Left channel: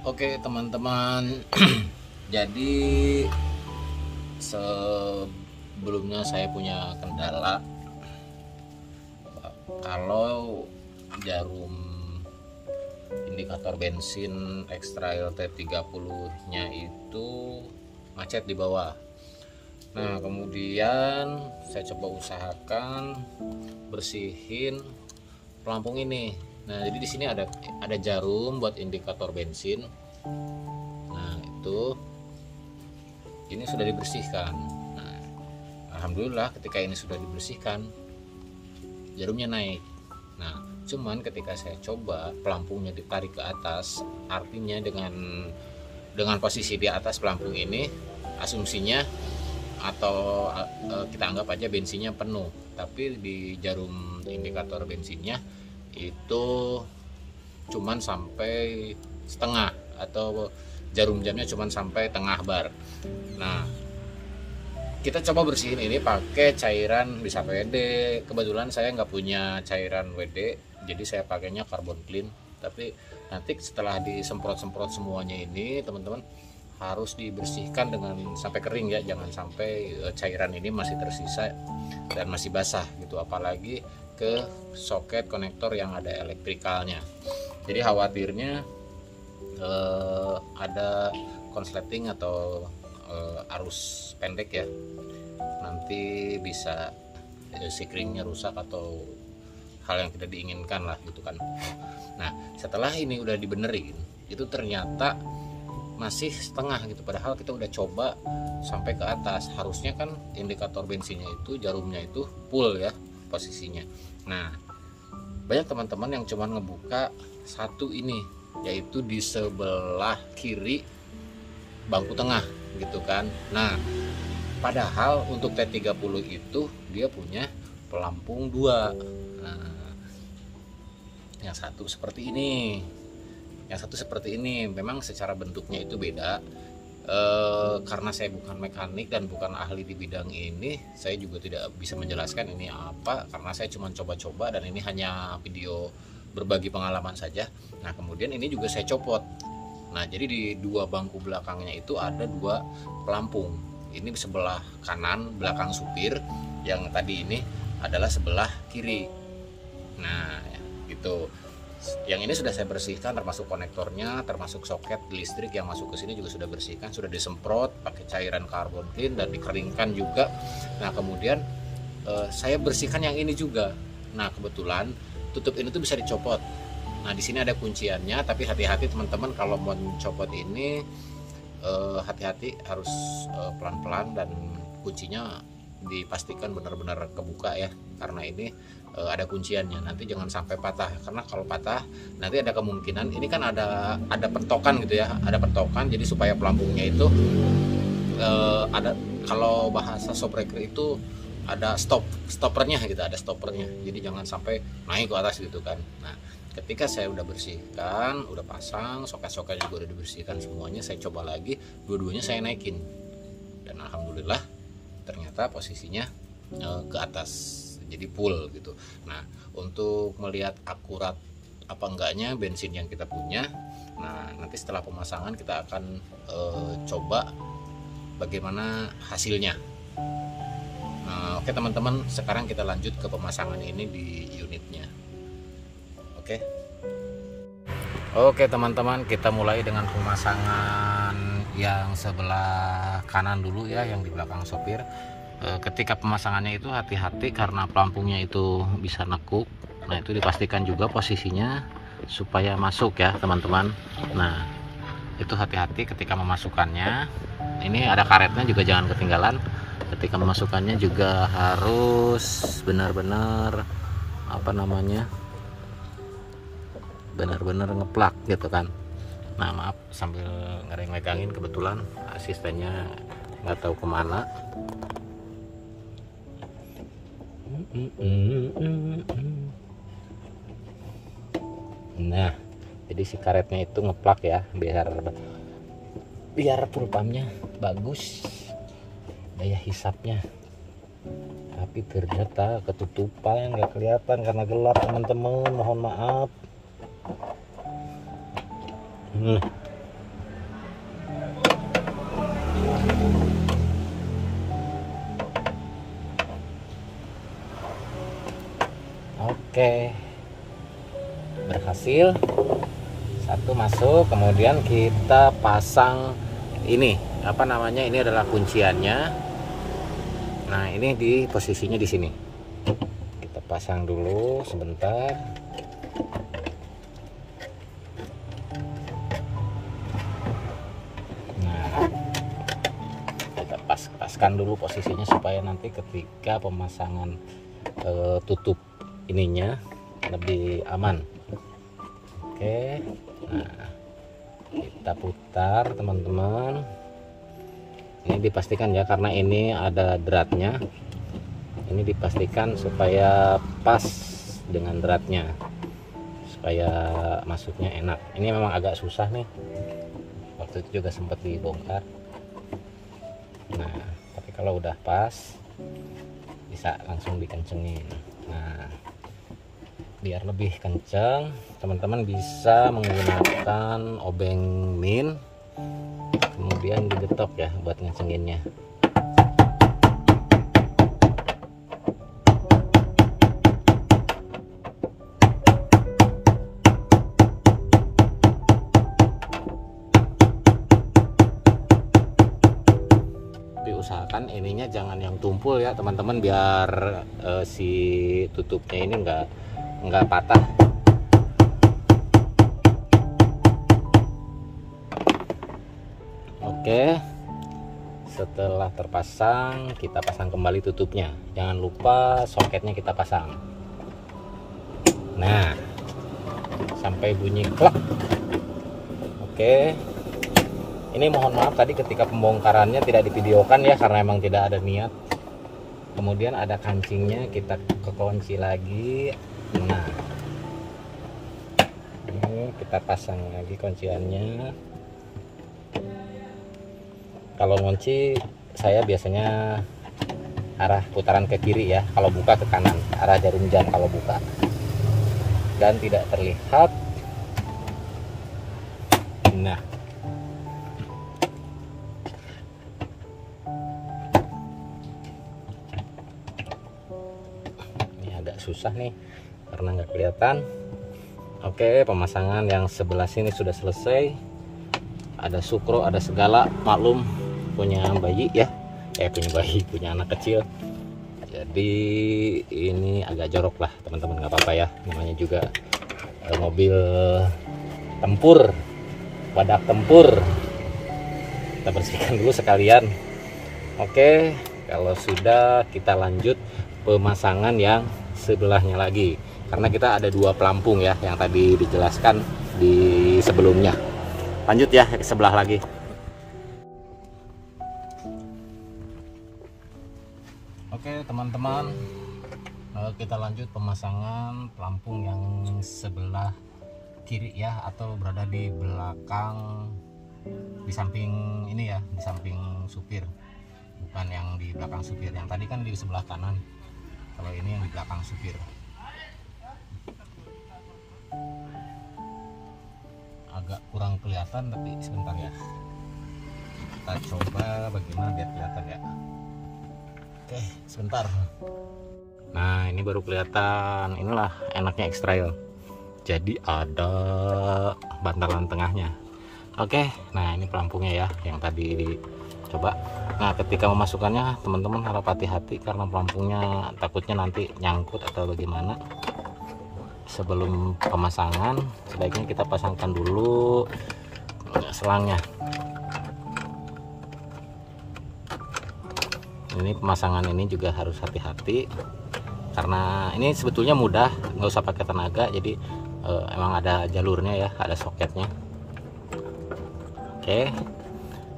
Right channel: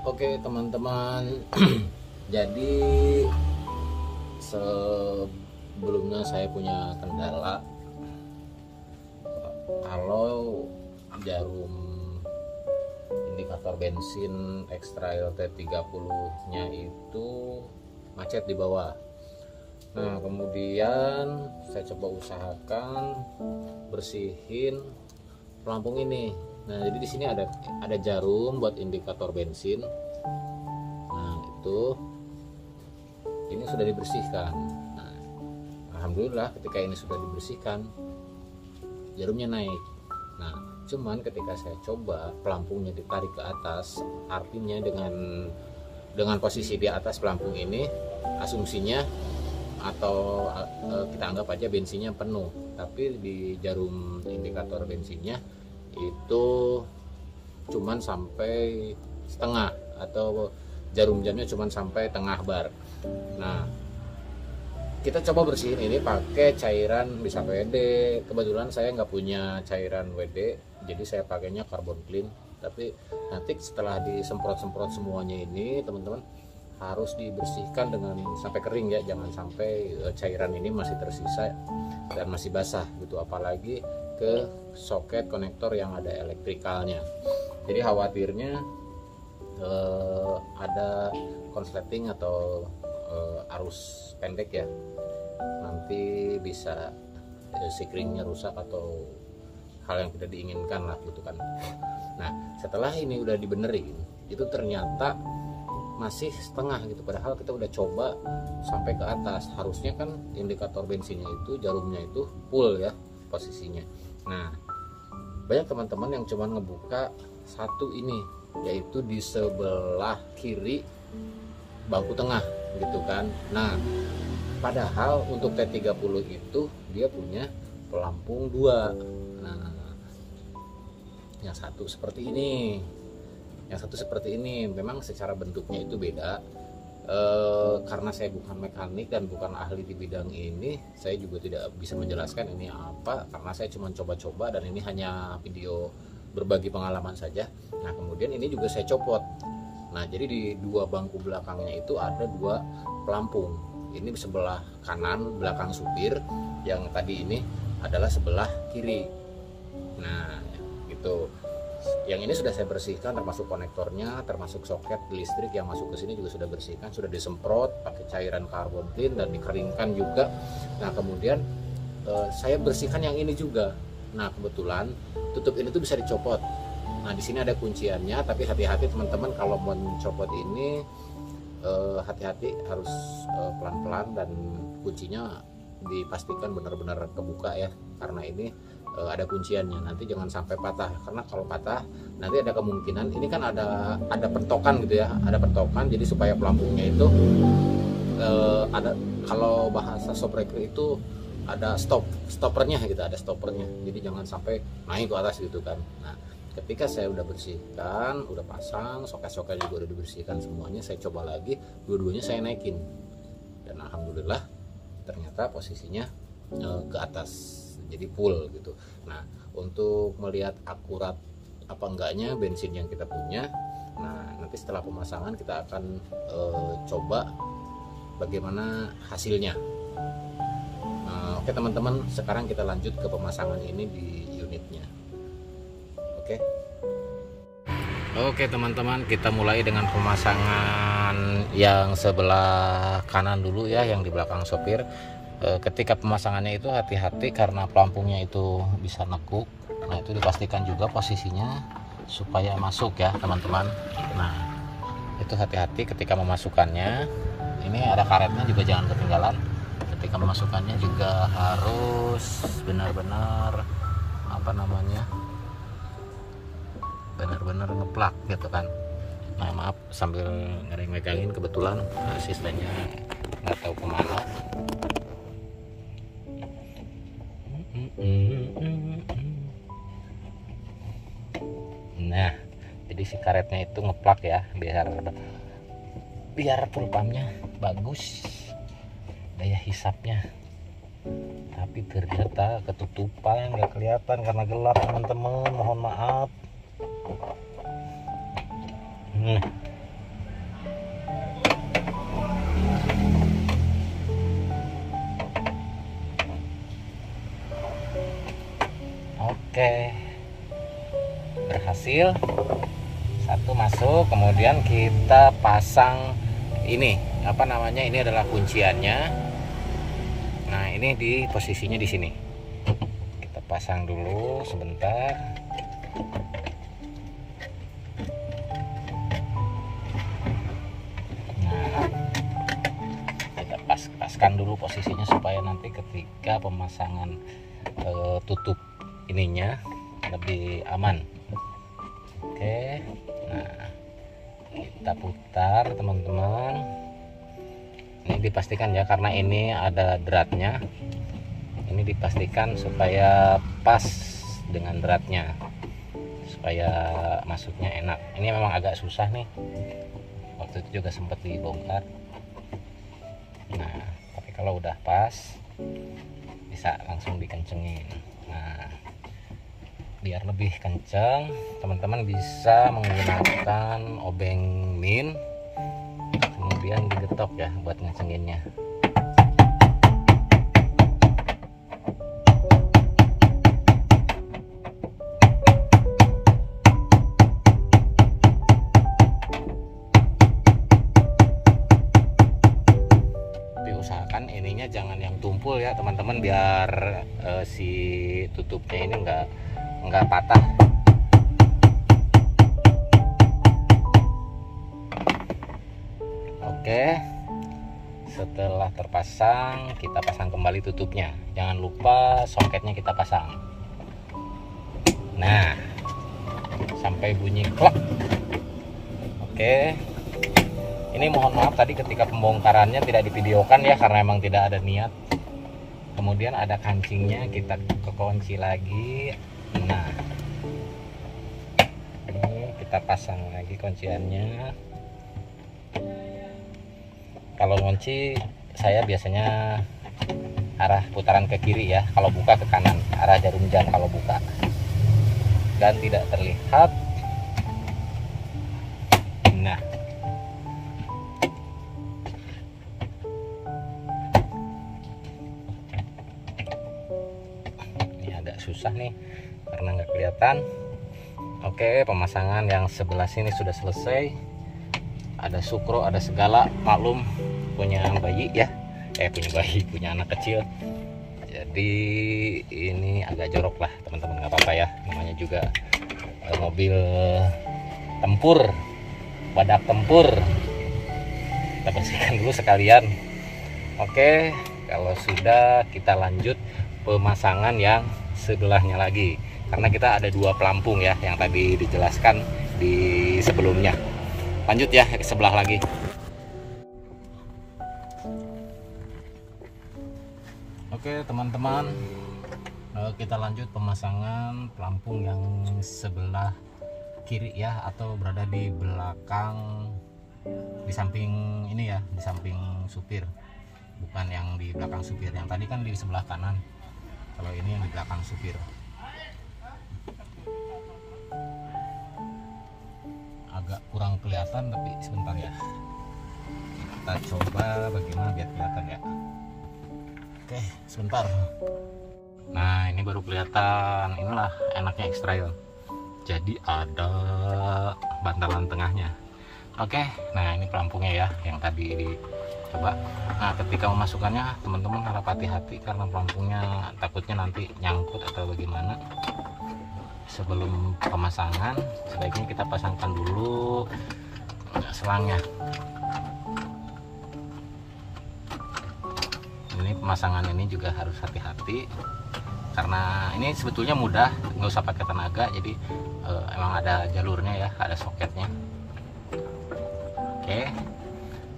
Oke teman-teman, jadi sebelumnya saya punya kendala kalau jarum indikator bensin Extra LT30 nya itu macet di bawah. Nah kemudian saya coba usahakan bersihin pelampung ini. Nah jadi di sini ada jarum buat indikator bensin. Nah itu ini sudah dibersihkan. Nah, alhamdulillah ketika ini sudah dibersihkan jarumnya naik. Nah cuman ketika saya coba pelampungnya ditarik ke atas, artinya dengan posisi di atas pelampung ini asumsinya atau kita anggap aja bensinnya penuh, tapi di jarum indikator bensinnya itu cuman sampai setengah atau jarum jamnya cuman sampai tengah bar. Nah kita coba bersihin ini pakai cairan bisa WD. Kebetulan saya nggak punya cairan WD, jadi saya pakainya carbon clean. Tapi nanti setelah disemprot-semprot semuanya ini teman-teman harus dibersihkan dengan sampai kering ya, jangan sampai cairan ini masih tersisa dan masih basah gitu, apalagi ke soket konektor yang ada elektrikalnya. Jadi khawatirnya ada konsleting atau arus pendek ya, nanti bisa sikringnya rusak atau hal yang tidak diinginkan lah gitu kan. Nah setelah ini udah dibenerin, itu ternyata masih setengah gitu, padahal kita udah coba sampai ke atas. Harusnya kan indikator bensinnya itu jarumnya itu full ya posisinya. Nah banyak teman-teman yang cuma ngebuka satu ini, yaitu di sebelah kiri bangku tengah gitu kan. Nah padahal untuk T30 itu dia punya pelampung dua. Nah yang satu seperti ini, yang satu seperti ini. Memang secara bentuknya itu beda. Karena saya bukan mekanik dan bukan ahli di bidang ini, saya juga tidak bisa menjelaskan ini apa, karena saya cuma coba-coba dan ini hanya video berbagi pengalaman saja. Nah kemudian ini juga saya copot. Nah jadi di dua bangku belakangnya itu ada dua pelampung. Ini sebelah kanan belakang supir, yang tadi ini adalah sebelah kiri. Nah gitu. Yang ini sudah saya bersihkan, termasuk konektornya, termasuk soket listrik yang masuk ke sini juga sudah bersihkan, sudah disemprot pakai cairan carbon clean dan dikeringkan juga. Nah kemudian saya bersihkan yang ini juga. Nah kebetulan tutup ini tuh bisa dicopot. Nah di sini ada kunciannya, tapi hati-hati teman-teman kalau mau mencopot ini, hati-hati, harus pelan-pelan dan kuncinya dipastikan benar-benar kebuka ya, karena ini ada kunciannya. Nanti jangan sampai patah, karena kalau patah nanti ada kemungkinan ini kan ada pentokan gitu ya, ada pentokan. Jadi supaya pelampungnya itu ada, kalau bahasa shopbreaker itu ada stoppernya gitu, ada stoppernya. Jadi jangan sampai naik ke atas gitu kan. Nah ketika saya udah bersihkan, udah pasang soket-soket juga udah dibersihkan semuanya, saya coba lagi, dua-duanya saya naikin dan alhamdulillah ternyata posisinya ke atas, jadi full gitu. Nah untuk melihat akurat apa enggaknya bensin yang kita punya, nah nanti setelah pemasangan kita akan coba bagaimana hasilnya. Oke teman-teman, sekarang kita lanjut ke pemasangan ini di unitnya. Oke teman-teman, kita mulai dengan pemasangan yang sebelah kanan dulu ya, yang di belakang sopir. Ketika pemasangannya itu hati-hati karena pelampungnya itu bisa nekuk. Nah itu dipastikan juga posisinya supaya masuk ya teman-teman. Nah itu hati-hati ketika memasukkannya. Ini ada karetnya juga, jangan ketinggalan. Ketika memasukkannya juga harus benar-benar benar-benar ngeplak gitu kan. Nah maaf sambil megangin, kebetulan asistennya nggak tahu kemana. Nah jadi si karetnya itu ngeplak ya, biar propamnya bagus, daya hisapnya. Tapi ternyata ketutupan, nggak kelihatan karena gelap teman-teman, mohon maaf. Oke, berhasil, satu masuk. Kemudian kita pasang ini, apa namanya, ini adalah kunciannya. Nah, ini di posisinya di sini. Kita pasang dulu sebentar. Paskan dulu posisinya supaya nanti ketika pemasangan tutup ininya lebih aman. Oke, nah, kita putar teman-teman. Ini dipastikan ya, karena ini ada dratnya. Ini dipastikan supaya pas dengan dratnya, supaya masuknya enak. Ini memang agak susah nih, waktu itu juga sempat dibongkar. Nah, tapi kalau udah pas bisa langsung dikencengin. Nah, biar lebih kenceng, teman-teman bisa menggunakan obeng min, kemudian digetok ya buat ngecenginnya. Diusahakan ininya jangan yang tumpul ya teman-teman, biar si tutupnya ini nggak patah. Oke, setelah terpasang kita pasang kembali tutupnya. Jangan lupa soketnya kita pasang. Nah, sampai bunyi klek. Oke, ini mohon maaf tadi ketika pembongkarannya tidak divideokan ya, karena emang tidak ada niat. Kemudian ada kancingnya, kita kekunci lagi. Nah, ini kita pasang lagi kunciannya. Kalau ngunci saya biasanya arah putaran ke kiri ya, kalau buka ke kanan, arah jarum jam kalau buka, dan tidak terlihat. Nah, ini agak susah nih karena nggak kelihatan. Oke, pemasangan yang sebelah sini sudah selesai. Ada sukro, ada segala, maklum punya bayi ya, punya anak kecil, jadi ini agak jorok lah teman-teman, nggak apa-apa ya, namanya juga mobil tempur, wadah tempur. Kita bersihkan dulu sekalian. Oke, kalau sudah kita lanjut pemasangan yang sebelahnya lagi, karena kita ada dua pelampung ya yang tadi dijelaskan di sebelumnya. Lanjut ya ke sebelah lagi. Oke teman-teman, kita lanjut pemasangan pelampung yang sebelah kiri ya, atau berada di belakang, di samping ini ya, di samping supir, bukan yang di belakang supir. Yang tadi kan di sebelah kanan, kalau ini yang di belakang supir. Agak kurang kelihatan tapi sebentar ya, kita coba bagaimana biar kelihatan ya. Oke, sebentar. Nah, ini baru kelihatan. Inilah enaknya X-Trail, jadi ada bantalan tengahnya. Oke, nah ini pelampungnya ya yang tadi coba. Nah, ketika memasukkannya teman-teman harap hati-hati karena pelampungnya takutnya nanti nyangkut atau bagaimana. Sebelum pemasangan sebaiknya kita pasangkan dulu selangnya. Ini pemasangan ini juga harus hati-hati karena ini sebetulnya mudah, nggak usah pakai tenaga, jadi emang ada jalurnya ya, ada soketnya. Oke,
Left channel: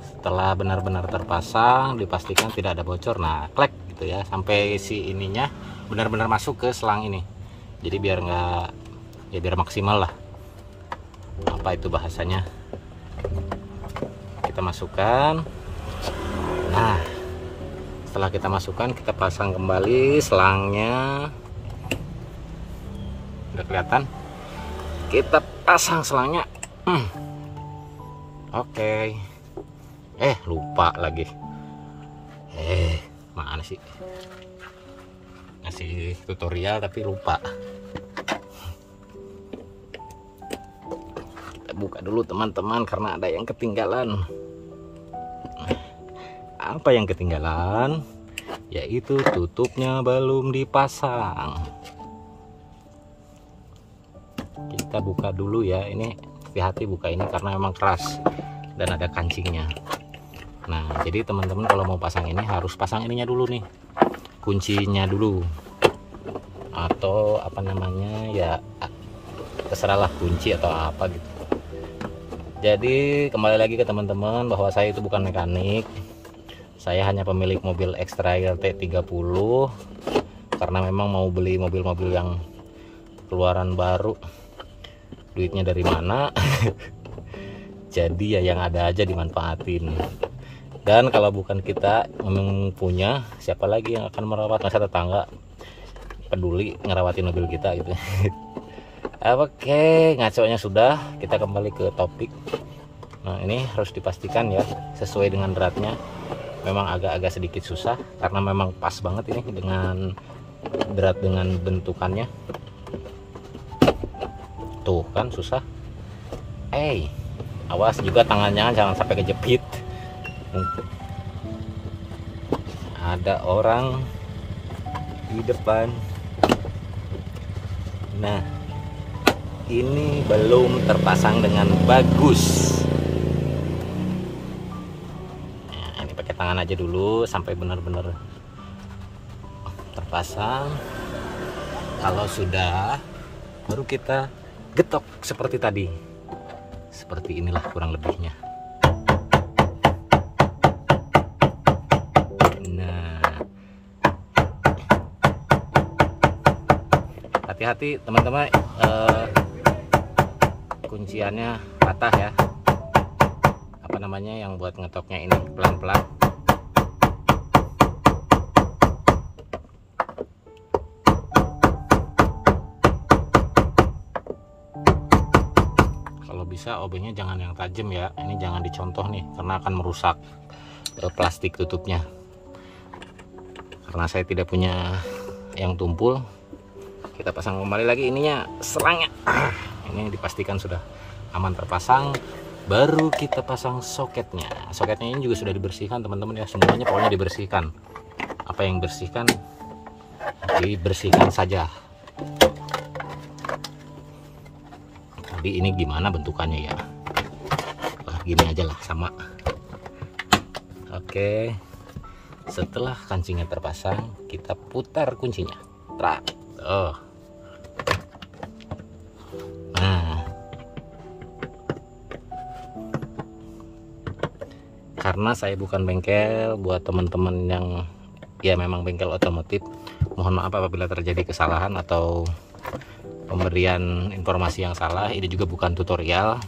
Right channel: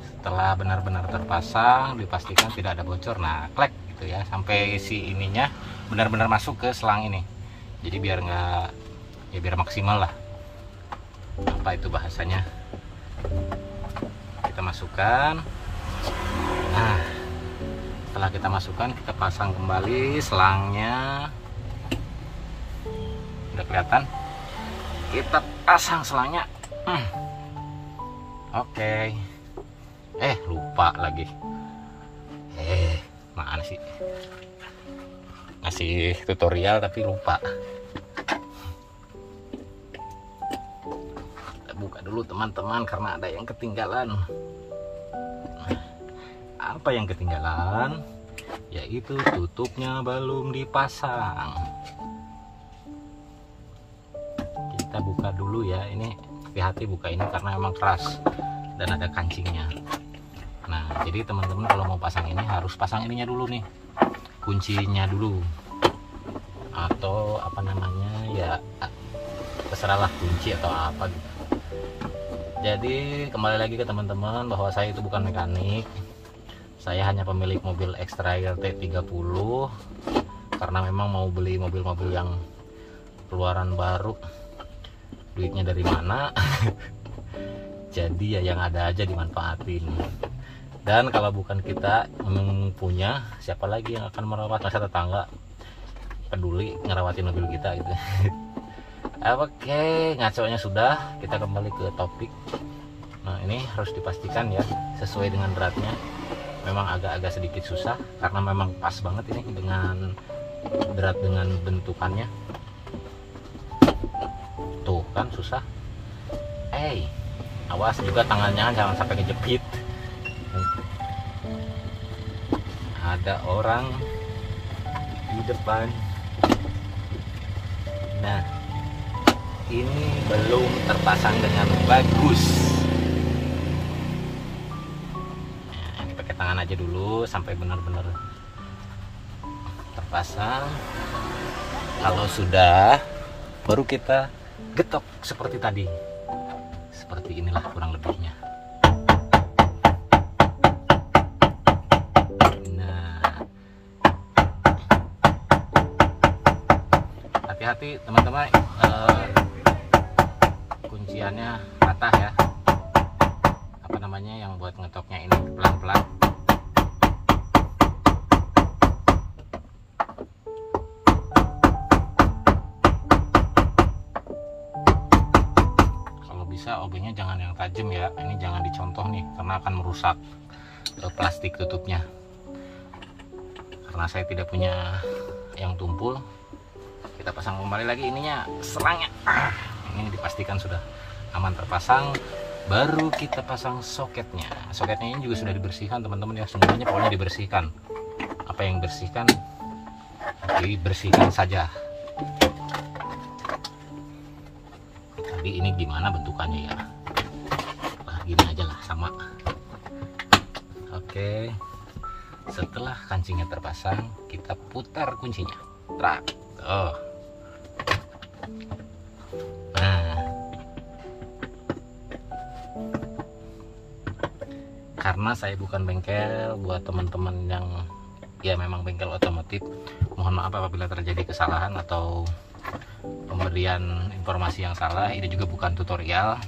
setelah benar-benar terpasang dipastikan tidak ada bocor. Nah, klek gitu ya, sampai si ininya benar-benar masuk ke selang ini. Jadi biar nggak, ya biar maksimal lah, apa itu bahasanya, kita masukkan. Nah, setelah kita masukkan kita pasang kembali selangnya. Udah kelihatan, kita pasang selangnya. Oke. Lupa lagi, mana sih ngasih tutorial tapi lupa. Kita buka dulu teman-teman karena ada yang ketinggalan. Apa yang ketinggalan? Yaitu tutupnya belum dipasang. Kita buka dulu ya. Ini hati-hati buka ini karena memang keras dan ada kancingnya. Nah, jadi teman-teman kalau mau pasang ini harus pasang ininya dulu nih, kuncinya dulu, atau apa namanya ya, terserahlah kunci atau apa gitu. Jadi kembali lagi ke teman-teman bahwa saya itu bukan mekanik, saya hanya pemilik mobil X-Trail T30 karena memang mau beli mobil-mobil yang keluaran baru. Duitnya dari mana? Jadi ya yang ada aja dimanfaatin. Dan kalau bukan kita memang punya, siapa lagi yang akan merawat? Masa tetangga peduli ngerawatin mobil kita gitu. Oke, ngaconya sudah, kita kembali ke topik. Nah, ini harus dipastikan ya sesuai dengan beratnya. Memang agak-agak sedikit susah karena memang pas banget ini dengan berat dengan bentukannya. Tuh kan susah. Awas juga tangannya jangan sampai kejepit. Ada orang di depan. Nah, ini belum terpasang dengan bagus. Nah, ini pakai tangan aja dulu sampai benar-benar terpasang. Kalau sudah, baru kita getok seperti tadi. Seperti inilah kurang lebihnya. Hati-hati teman-teman, kunciannya patah ya, apa namanya yang buat ngetoknya ini pelan-pelan. Kalau bisa obengnya jangan yang tajam ya, ini jangan dicontoh nih karena akan merusak plastik tutupnya. Karena saya tidak punya yang tumpul, kita pasang kembali lagi ininya, serangnya. Ini dipastikan sudah aman terpasang, baru kita pasang soketnya. Soketnya ini juga sudah dibersihkan teman-teman ya, semuanya pokoknya dibersihkan. Apa yang dibersihkan dibersihkan saja. Tadi ini gimana bentukannya ya? Gini aja lah, sama. Oke, setelah kancingnya terpasang, kita putar kuncinya. Trak. Nah, karena saya bukan bengkel, buat teman-teman yang ya memang bengkel otomotif, mohon maaf apabila terjadi kesalahan atau pemberian informasi yang salah. Ini juga bukan tutorial,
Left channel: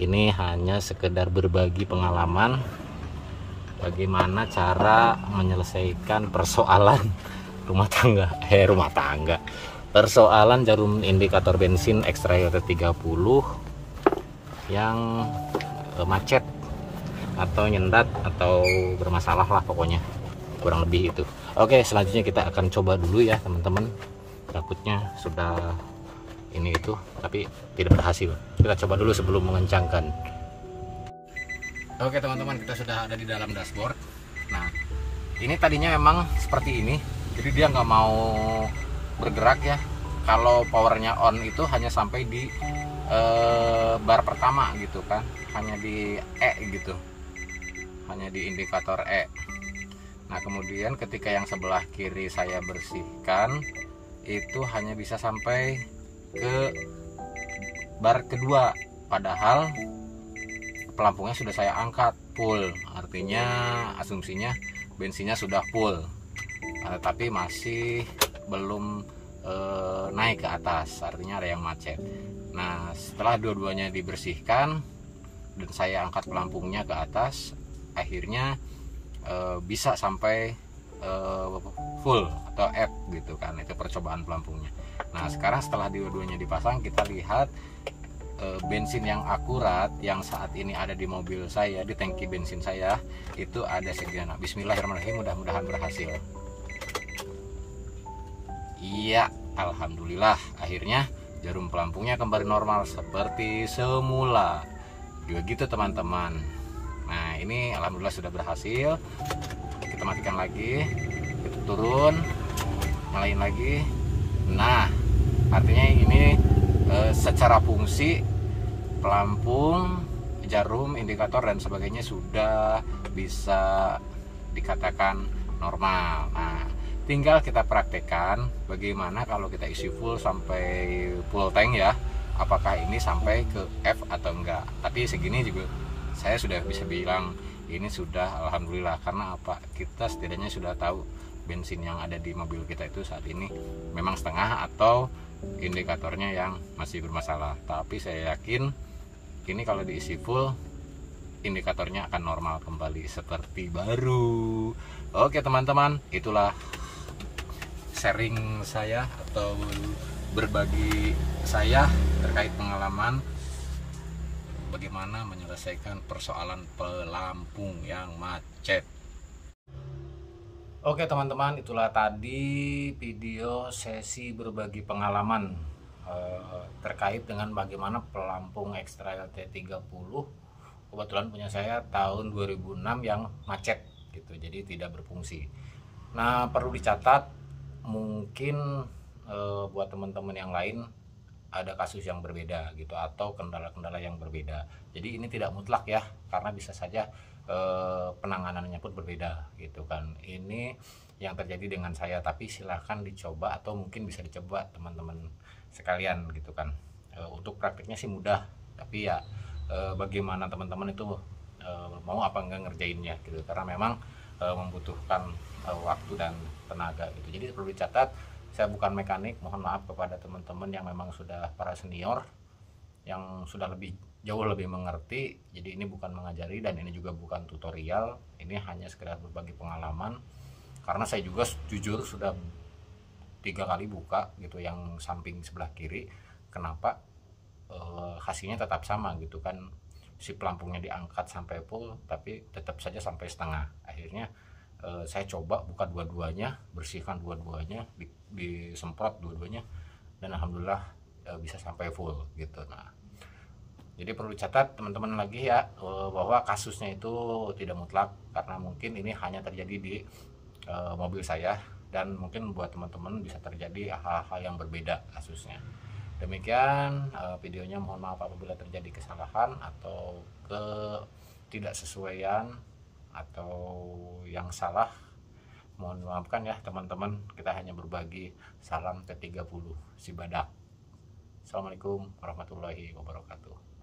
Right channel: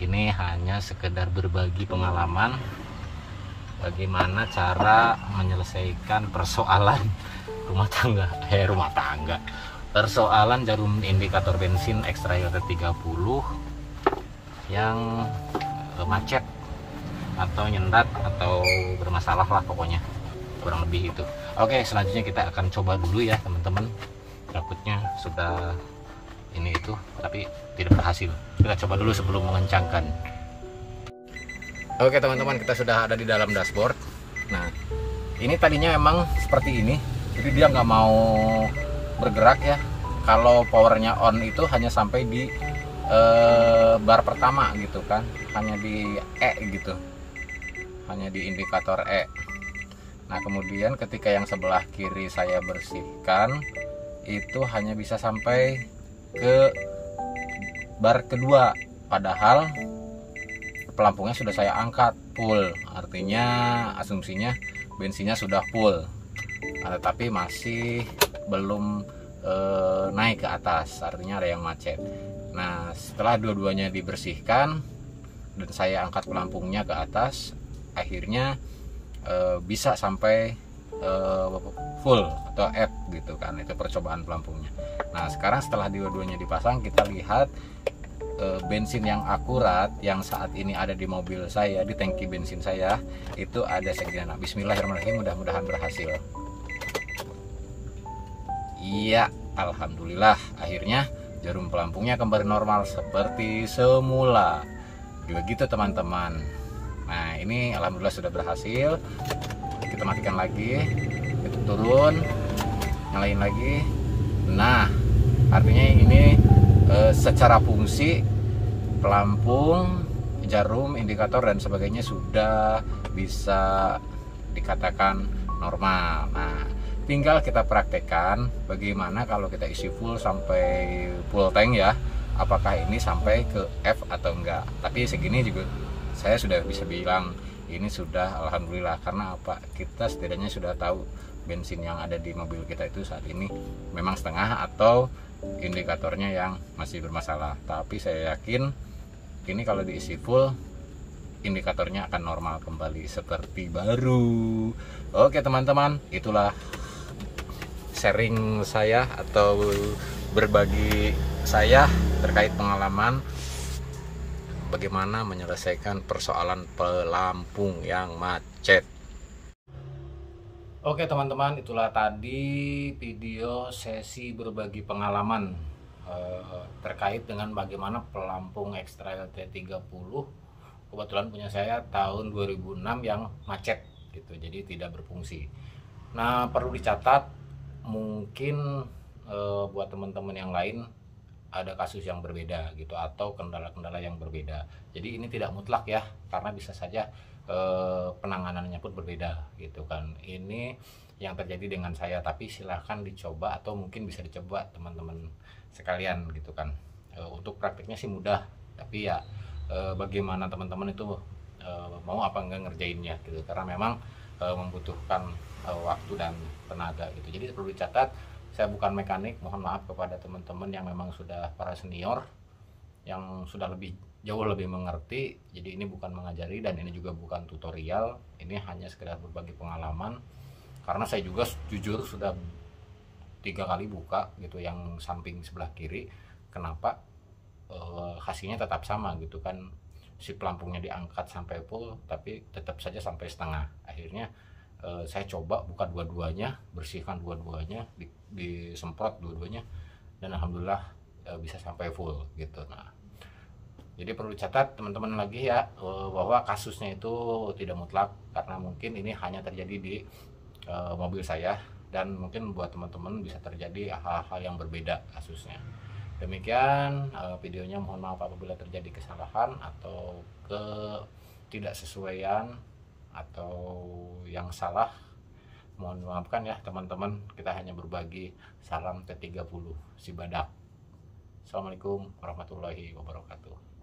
ini hanya sekedar berbagi pengalaman bagaimana cara menyelesaikan persoalan rumah tangga, persoalan jarum indikator bensin X-Trail T30 yang macet atau nyendat atau bermasalah lah, pokoknya kurang lebih itu. Oke, selanjutnya kita akan coba dulu ya teman-teman. Takutnya sudah ini itu tapi tidak berhasil. Kita coba dulu sebelum mengencangkan. Oke teman-teman, kita sudah ada di dalam dashboard. Nah, ini tadinya memang seperti ini, jadi dia nggak mau bergerak ya. Kalau powernya on itu hanya sampai di bar pertama gitu kan, hanya di E gitu, hanya di indikator E. Nah kemudian ketika yang sebelah kiri saya bersihkan, itu hanya bisa sampai ke bar kedua, padahal pelampungnya sudah saya angkat full, artinya asumsinya bensinnya sudah full. Nah, tetapi masih belum naik ke atas, artinya ada yang macet. Nah setelah dua-duanya dibersihkan dan saya angkat pelampungnya ke atas, akhirnya bisa sampai full atau F gitu kan. Itu percobaan pelampungnya. Nah sekarang setelah dua-duanya dipasang, kita lihat bensin yang akurat yang saat ini ada di mobil saya, di tangki bensin saya itu ada segini. Nah, bismillahirrahmanirrahim, mudah-mudahan berhasil. Iya, alhamdulillah akhirnya jarum pelampungnya kembali normal seperti semula. Juga gitu teman-teman. Nah ini alhamdulillah sudah berhasil. Kita matikan lagi, kita turun, nyalain lagi. Nah artinya ini secara fungsi pelampung, jarum, indikator dan sebagainya sudah bisa dikatakan normal. Nah tinggal kita praktekkan bagaimana kalau kita isi full sampai full tank ya, apakah ini sampai ke F atau enggak. Tapi segini juga saya sudah bisa bilang ini sudah alhamdulillah, karena apa, kita setidaknya sudah tahu bensin yang ada di mobil kita itu saat ini memang setengah atau indikatornya yang masih bermasalah. Tapi saya yakin ini kalau diisi full indikatornya akan normal kembali seperti baru. Oke teman-teman, itulah sharing saya atau berbagi saya terkait pengalaman bagaimana menyelesaikan persoalan pelampung yang macet. Oke teman-teman, itulah tadi video sesi berbagi pengalaman terkait dengan bagaimana pelampung X-Trail T30 kebetulan punya saya tahun 2006 yang macet gitu, jadi tidak berfungsi. Nah perlu dicatat, mungkin buat teman-teman yang lain ada kasus yang berbeda gitu atau kendala-kendala yang berbeda. Jadi ini tidak mutlak ya, karena bisa saja penanganannya pun berbeda gitu kan. Ini yang terjadi dengan saya, tapi silahkan dicoba atau mungkin bisa dicoba teman-teman sekalian gitu kan. Untuk praktiknya sih mudah, tapi ya bagaimana teman-teman itu mau apa enggak ngerjainnya gitu, karena memang membutuhkan waktu dan tenaga gitu. Jadi perlu dicatat, saya bukan mekanik, mohon maaf kepada teman-teman yang memang sudah para senior yang sudah jauh lebih mengerti. Jadi ini bukan mengajari dan ini juga bukan tutorial, ini hanya sekedar berbagi pengalaman, karena saya juga jujur sudah 3 kali buka gitu yang samping sebelah kiri. Kenapa hasilnya tetap sama gitu kan, si pelampungnya diangkat sampai full tapi tetap saja sampai setengah. Akhirnya saya coba buka dua-duanya, bersihkan dua-duanya, disemprot dua-duanya, dan alhamdulillah bisa sampai full gitu. Nah jadi perlu catat teman-teman lagi ya, bahwa kasusnya itu tidak mutlak, karena mungkin ini hanya terjadi di mobil saya, dan mungkin buat teman-teman bisa terjadi hal-hal yang berbeda kasusnya. Demikian videonya, mohon maaf apabila terjadi kesalahan atau ketidaksesuaian atau yang salah, mohon maafkan ya teman-teman. Kita hanya berbagi. Salam T30 si badak. Assalamualaikum warahmatullahi wabarakatuh.